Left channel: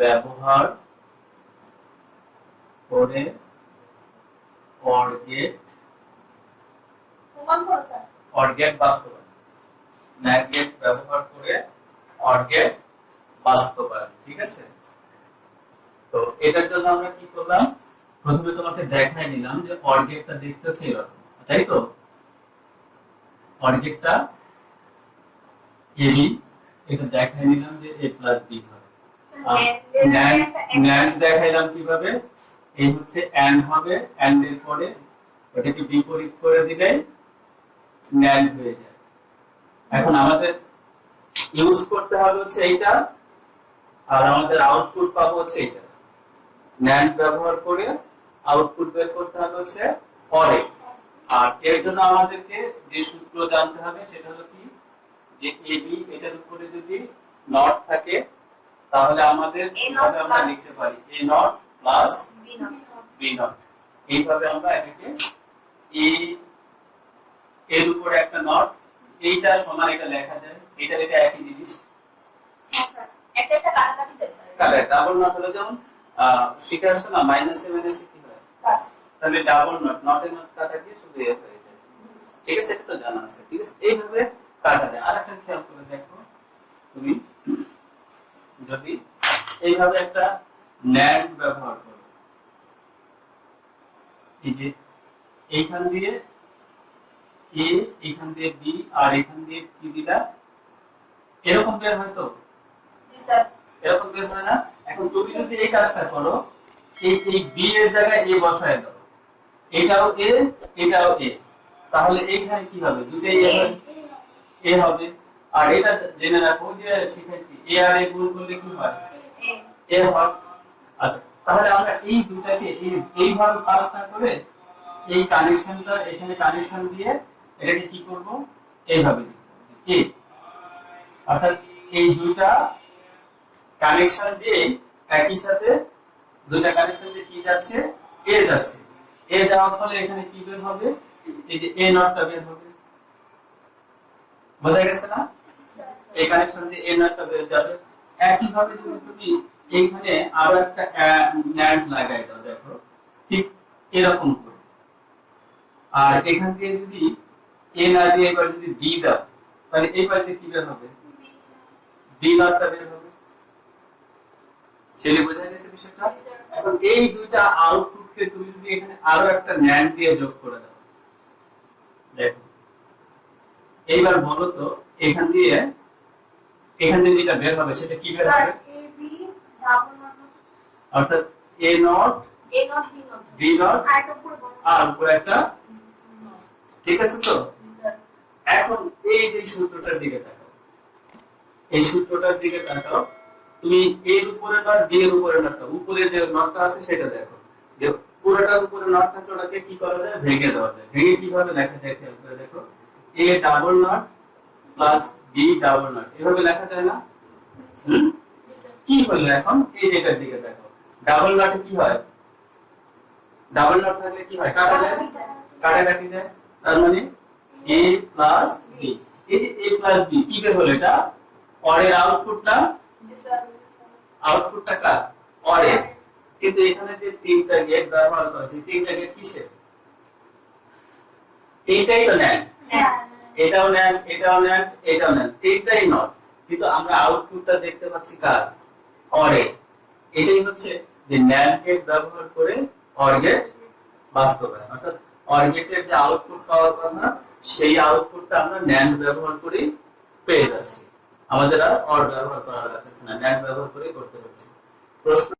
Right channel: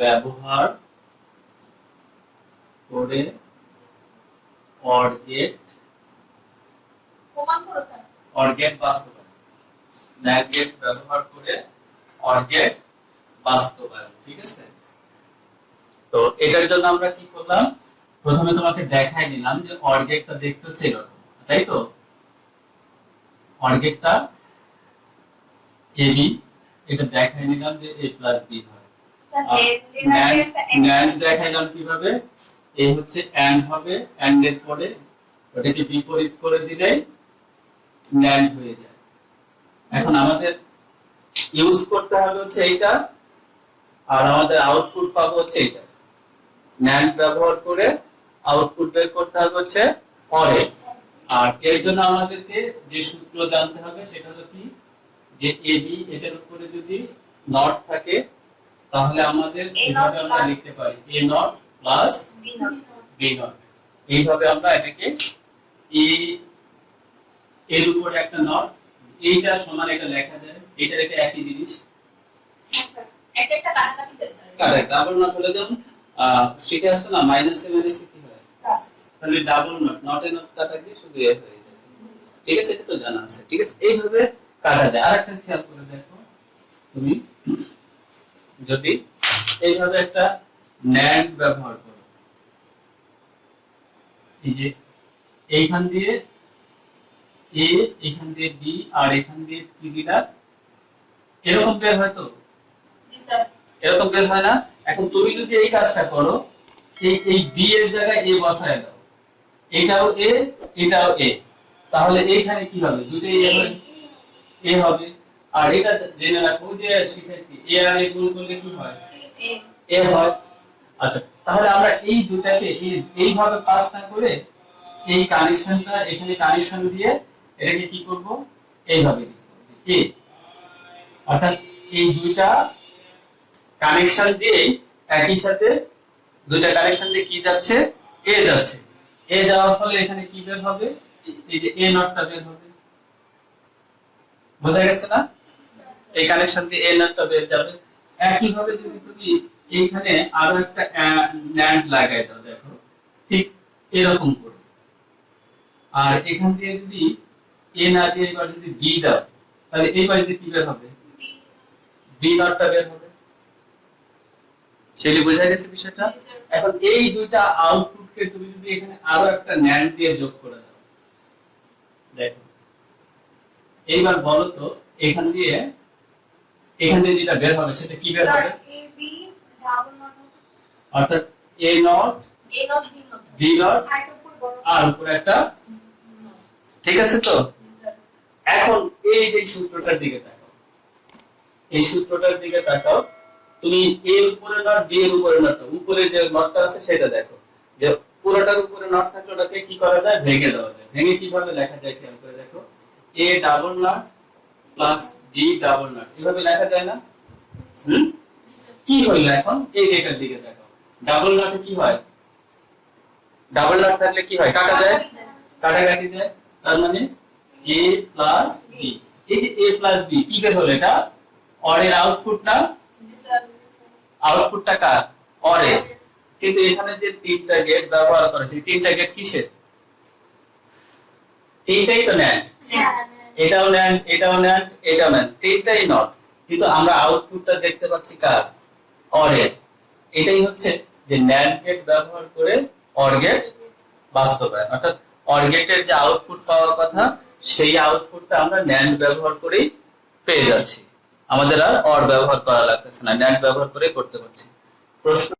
ব্যবহার করে or gate প্রমাণ করো স্যার। অর গেট বাস্তবায়ন। ন্যান্ড গেট ব্যবহার করে অর গেট বাস্তবায়ন ঠিক আছে? তো এটার জন্য আমরা কি করলাম? প্রথমে তোমাকে দেখাই নিলাম যে অর গেটটা দেখতে হচ্ছে এরকম তাই তো? অর গেটটা এবি এটা দেখাই নিলাম যে এ প্লাস বি হয়। ন্যান্ড দেখাইলাম কীভাবে? এই হচ্ছে অ্যান্ড হবে অ্যান্ড এর পরে ওটাকে বিপরীত করে দিলেই ন্যান্ড হয়ে যায়। এখন আমাদের ইউজ করতে হবে হচ্ছে এইটা আর আমাদের আউটপুট পাবো হচ্ছে এইটা। ন্যান্ড ব্যবহার করে আউটপুট বের করতে হবে হচ্ছে অরে। আর এর জন্য আমাদেরকে যে সূত্র জানতে হবে সেটা হলো কি? যে এ বি এটার উপরে যদি নট থাকে তাহলে আমাদের এইভাবে আমরা লিখতে পারি A not plus B not এইভাবে আমরা এটাকে এ এর উপরে একটা নট এইটা সমান এটা লেখা যায়। এইটার এটা একই জিনিস। হ্যাঁ স্যার একটা একটা কাটাকাটি যায় স্যার কাটা ডাবল নট হলে যেমন সেটা না মাইনাস কি হয়? তাহলে double not not A not কাটা দিয়ে শুধু এ হয়ে যায়। ঠিক আছে? এটা তো জানা আছে। ঠিক আছে? এইভাবে কাটা যায়। আর একটা খেয়াল করে দেখো। তুমি যদি এইভাবে একটা ন্যান্ড ব্যবহার করো। এই যে এইখান দিয়ে এ এইখান দিয়ে বি আর এখান দিয়ে কি দিলা এরকম বের হয় তো? এরকম বের হয় না? এখন তুমি যদি এই কাজটা করো এই এই বি এর জায়গায় এ বসায় দাও। এটাও এ এটাও এ তাহলে এইখানে কি হবে? দুইটাই এ হবে এ হবে। আর এটা জেনে রাখো যে শিখাইছি এ আর এ গুণ করলে কি হয়? এ। এ হয়। আচ্ছা। তাহলে আমরা এই দুটাকে এইভাবে পাস না করে এই কানেকশনটা এখানে কানেকশন দিয়ে এটাকে কি করব? এইভাবে এ। অর্থাৎ এই দুইটা কানেকশন দিয়ে একই সাথে দুইটা কানেকশন দিয়ে কি যাচ্ছে? এ যাচ্ছে। এ যাওয়ার ফলে এখানে কি বের হবে? এই যে এ নটটা বের হবে। বোঝা গেছে না? এই কানেকশন দিয়ে এ নটটা বের যাবে। একই ভাবে যদি তুমি এইখানে আরও একটা ন্যান্ড লাগাই দাও দেখো। ঠিক এরকম করো। আর এখান দিয়ে যদি এ না দিয়ে এবার যদি বি দাও তাহলে এই পাশে কি বের হবে? বি নটটা বের হবে। সেটি বোঝা গেছে বিষয়টা? এখন এই দুইটা আউটপুটকে তুমি যদি এখানে আরও একটা ন্যান্ড দিয়ে যোগ করে দাও। দেখো। এইবার বলো তো এখান দিয়ে এখান দিয়ে যেটা বের হবে সেটা কি বের হবে? অর্থাৎ A not A not B not আর উপর বড় আর উপরে একটা ঠিক আছে তো? এখন এই যে সূত্রটার দিকে তাকাও। এই সূত্রটার দিকে তাকাও। তুমি এর উপরে নট বি এর উপরে নট উপরে যে নটটা আছে সেটা দেখো। যে পুরোটার উপরে নট থাকলে ওটাকে কি করা যায়? ভেঙে দেওয়া যায়। ভেঙে কীভাবে লেখা যায়? খেয়াল করে দেখো। A double not plus B double not এভাবে লেখা যায় না? কি হইল এখন? এই রেখার দিকে দেখো। ডাবল নটে কি হয়? ডাবল নট থাকলে কি হয়? কাটা যায়? কাটাকাটি যায়। তার মানে a প্লাস b এই যে a প্লাস b, কি বের হলো এটা? অরের আউটপুটটা আউটপুটটা কার? অরের। কিন্তু এখানে যে তিনটা গেট ব্যবহার করেছে, তিনটা গেট কিসের? তিনটাই তো ন্যান্ড এটাও ন্যান্ড এটাও ন্যান্ড এটাও ন্যান্ড তিনটাই নট কিন্তু আমরা আউটপুটটা দেখতে পাচ্ছি কার? অরের এটাই হচ্ছে যে ন্যান্ড গেট ব্যবহার করে অর গেট বাস্তবায়ন। অর্থাৎ অর গেটের যে আউটপুট পাওয়ার কথা, সেই আউটপুটটা আমরা ন্যান্ড ব্যবহার করেই পেয়ে যাচ্ছি। আমাদের আর অর ব্যবহার করা লাগতেছে না ন্যান্ড ব্যবহার করে করতে হচ্ছে। প্রশ্ন